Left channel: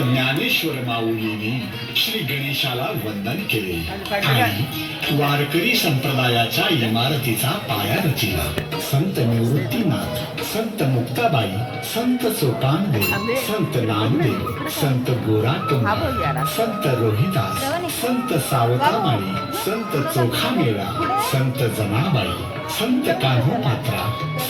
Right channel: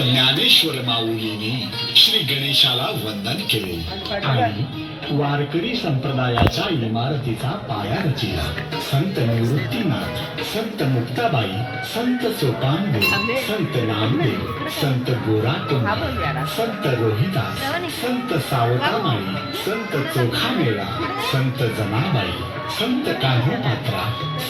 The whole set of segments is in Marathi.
ज्ञानेश्वर माऊलीने श्री गणेशाला वंदन केले. आणि वारकरी संप्रदायाच्या इमारतीचा पाया रचिला. संत निवृत्तीनाथ संत मुक्ताबाई संत सोपानदेव संत नामदेव संत गोराकुंड संत रोहिदास संत सावतामाळी संत चोखामेळा संत जनाबाई संत कान्होपात्रा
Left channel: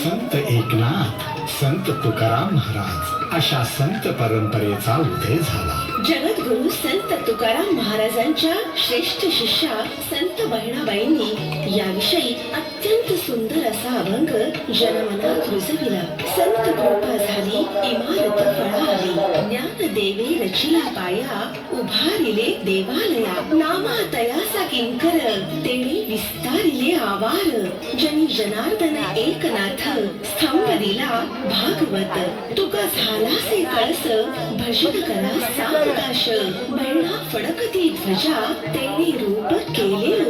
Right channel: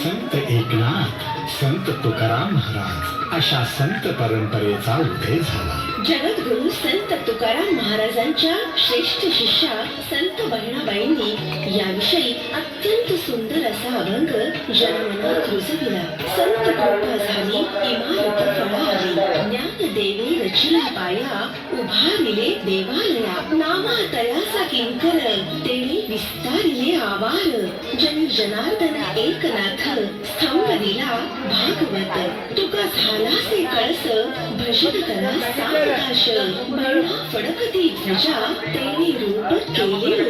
संत एकनाथ संत तुकाराम महाराज अशा संत परंपरेचा उदय झाला. जगद्गुरु संत तुकाराम महाराजांच्या श्रेष्ठ शिष्या संत बहिणाबाईंनी याविषयी अत्यंत सुंदर असा अभंग जनमनात रुजविला. संत कृपा झाली इमारत फळाली ज्ञान देवे रचिला पाया उभारिले देवालया नामा तयासा किंकर तेणे विस्तारिले आवार. जनी जनार्दन एकनाथ स्तंभ दिला भागवत. तुका झालासे कळस भजन करा फडकती ध्वजा रूप केले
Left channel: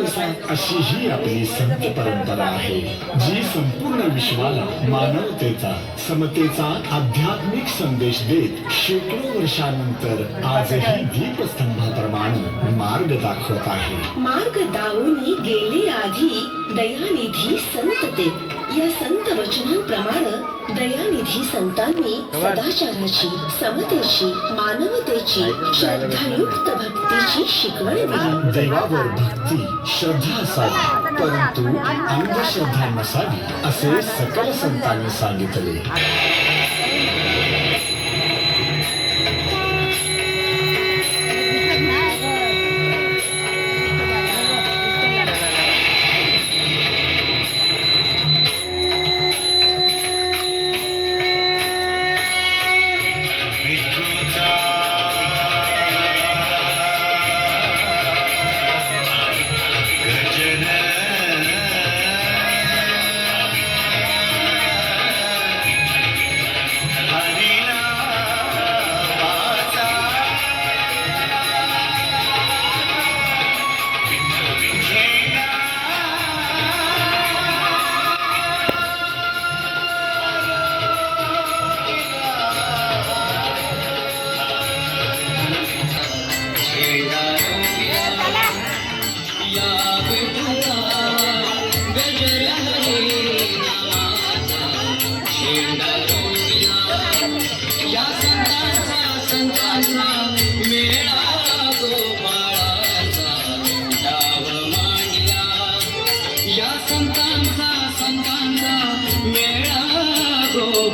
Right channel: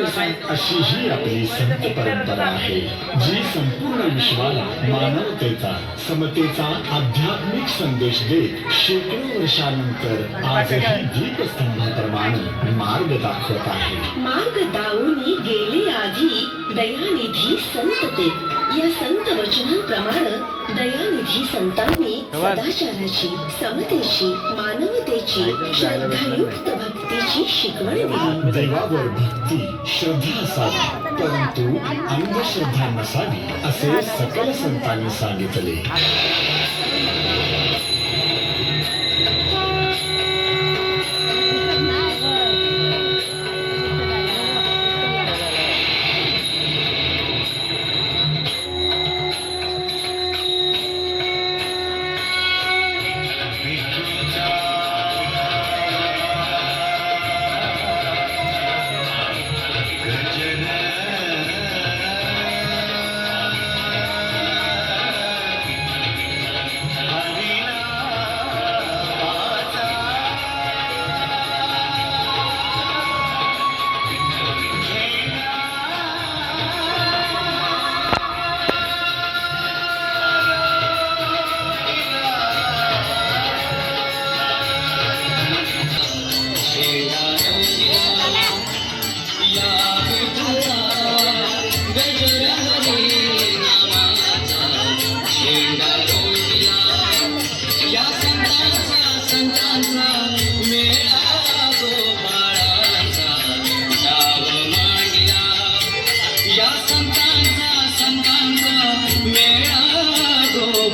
अशी ही आपली संत परंपरा आहे जी संपूर्ण विश्वाला मानवतेचा समतेचा आध्यात्मिक संदेश देत शेकडो वर्षानंतर आजही दीपस्तंभाप्रमाणे मार्ग दाखवत आहे. मार्ग दावूनी गेले आधी दयानिधी संत ते. या संत वचनांप्रमाणे दयानिधी संतांनी सदाचाराची समतेची मानवतेची श्रद्धायुक्त भक्तीची शिकवण दिली. देवावर भक्ती श्रद्धा असावी परंतु अंधश्रद्धा नसावी असे सकल संतांनी सांगितले.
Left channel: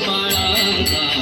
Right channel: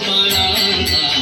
পারা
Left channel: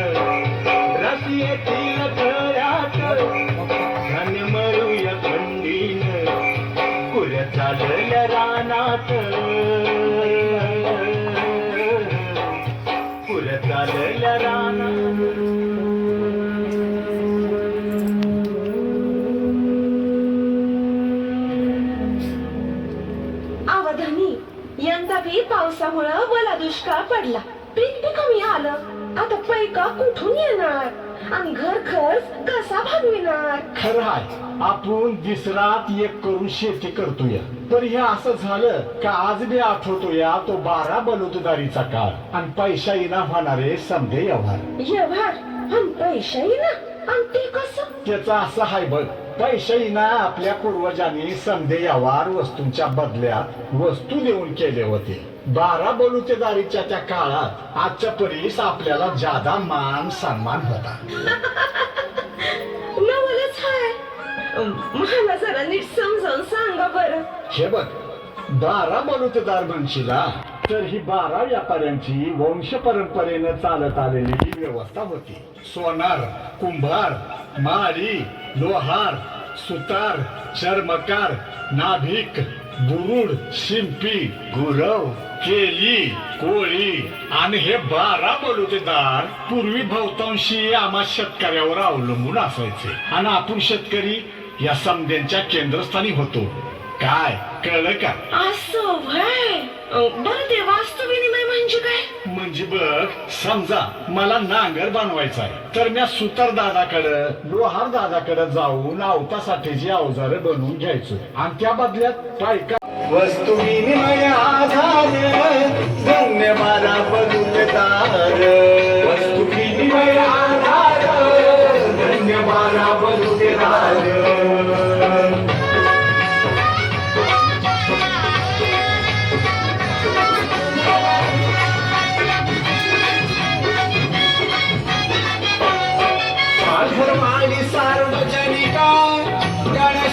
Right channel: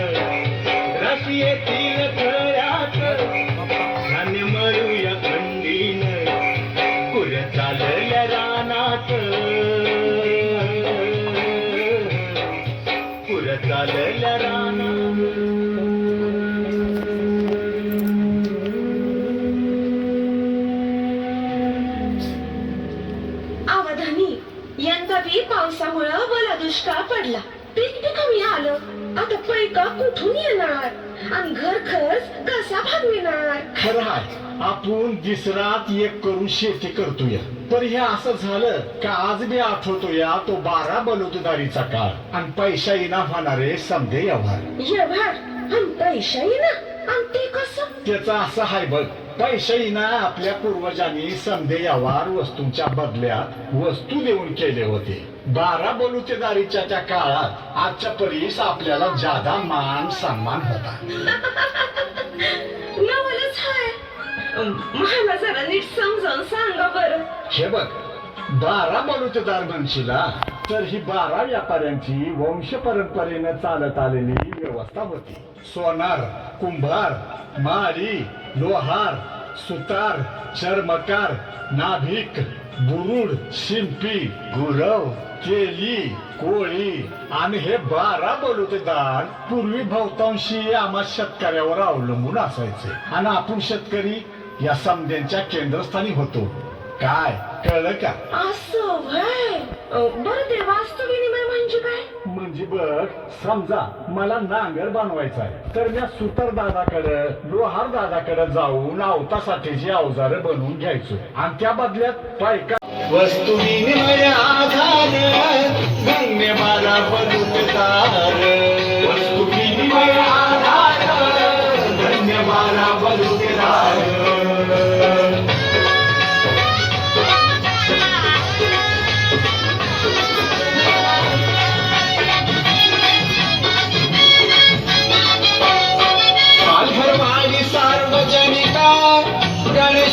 पुर चालल्या रानात अवधानी यंदा बी पावसामुळं मला दुष्काळ पडला पीक बी कमी आलं? आता पैका कुठून येणार? आणि घर खर्च कसा भागविणार? खरं आहे आपण दिसरात एक करून शेती करतोय. पण हे असं झालं का आज मी आठवतोय तो बारा बलुतदारीचा काळ. आणि पैसा येणार होणारे समजे व्यवहार. व्यवहार? आणि पैसा ना आणि ते कसं? त्याचं असं आहे बघ पैशाईना आपल्या पूर्वजांनी समधे व्यवहार वस्तूंच्या बदल्यात वस्तू देऊन केले होते. बारा बलुतेदारीच्या त्या काळात आजच्या परीस आपल्याला जादा मान सन्मान होता. नवलच हाय. अं, मला जरा नीट समजावून सांगा बरं. हे बघ बारा बलुतेदार म्हणशीला तर ही बारा व्यापाऱ्यांची वंश परंपरेनं चालत आलेली ही व्यवस्था होती. सोनार कुंभार माळी लोहार सुतार चर्मकार नाभिक बुरुड शिंपी गुरव केली कोळी. आणि हे बारा बलुतेदार पूर्वी बहुतांशी आम्हा शेतकऱ्यावर अवलंबून असायचे. आणि आपण शेतकरी या समद्यांच्या केंद्रस्थानी होतो. काय कळलं का असं व्हय अं, बरं ते वास्तू विनिमय म्हणजे काय म्हणजे बघ समजा मला नांगर बनवायचा आहे तर मी सुतार दादाकडं लोहार दादाकडे जाऊन अवतासाठीची अवजार बनवून घ्यायचो आणि त्या बदल्यात पायका वस्तू विनिमय आधार धन्य बलुतेदार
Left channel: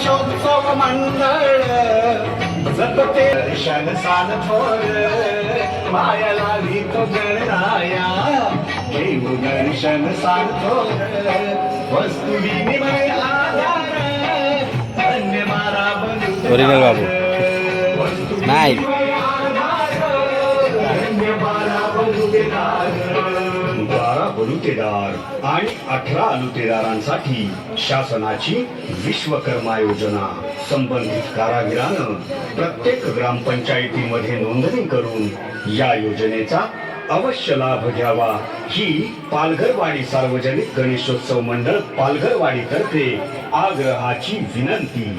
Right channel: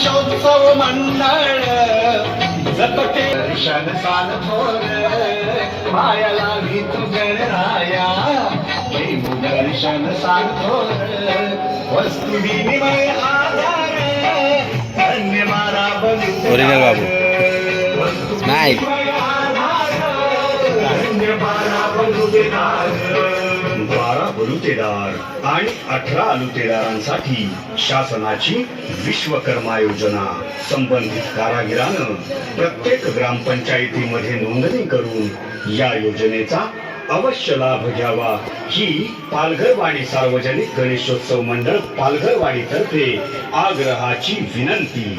गणेशोत्सव मंडळ जपते दर्शन साल थोर माया लावी तो गणराया दर्शन साल थोर वस्तू विनिमय आधार धन्य मारा Original बाबू. नाही. बारा बलुतेदार आणि अठरा अलुतेदारांसाठी शासनाची विश्वकर्मा योजना संबंधित कारागिरानं प्रत्येक ग्रामपंचायतीमध्ये नोंदणी करून या योजनेचा अवश्य लाभ घ्यावा. ही पालघरवाडी सार्वजनिक गणेशोत्सव मंडळ पालघरवाडी तर्फे आग्रहाची विनंती.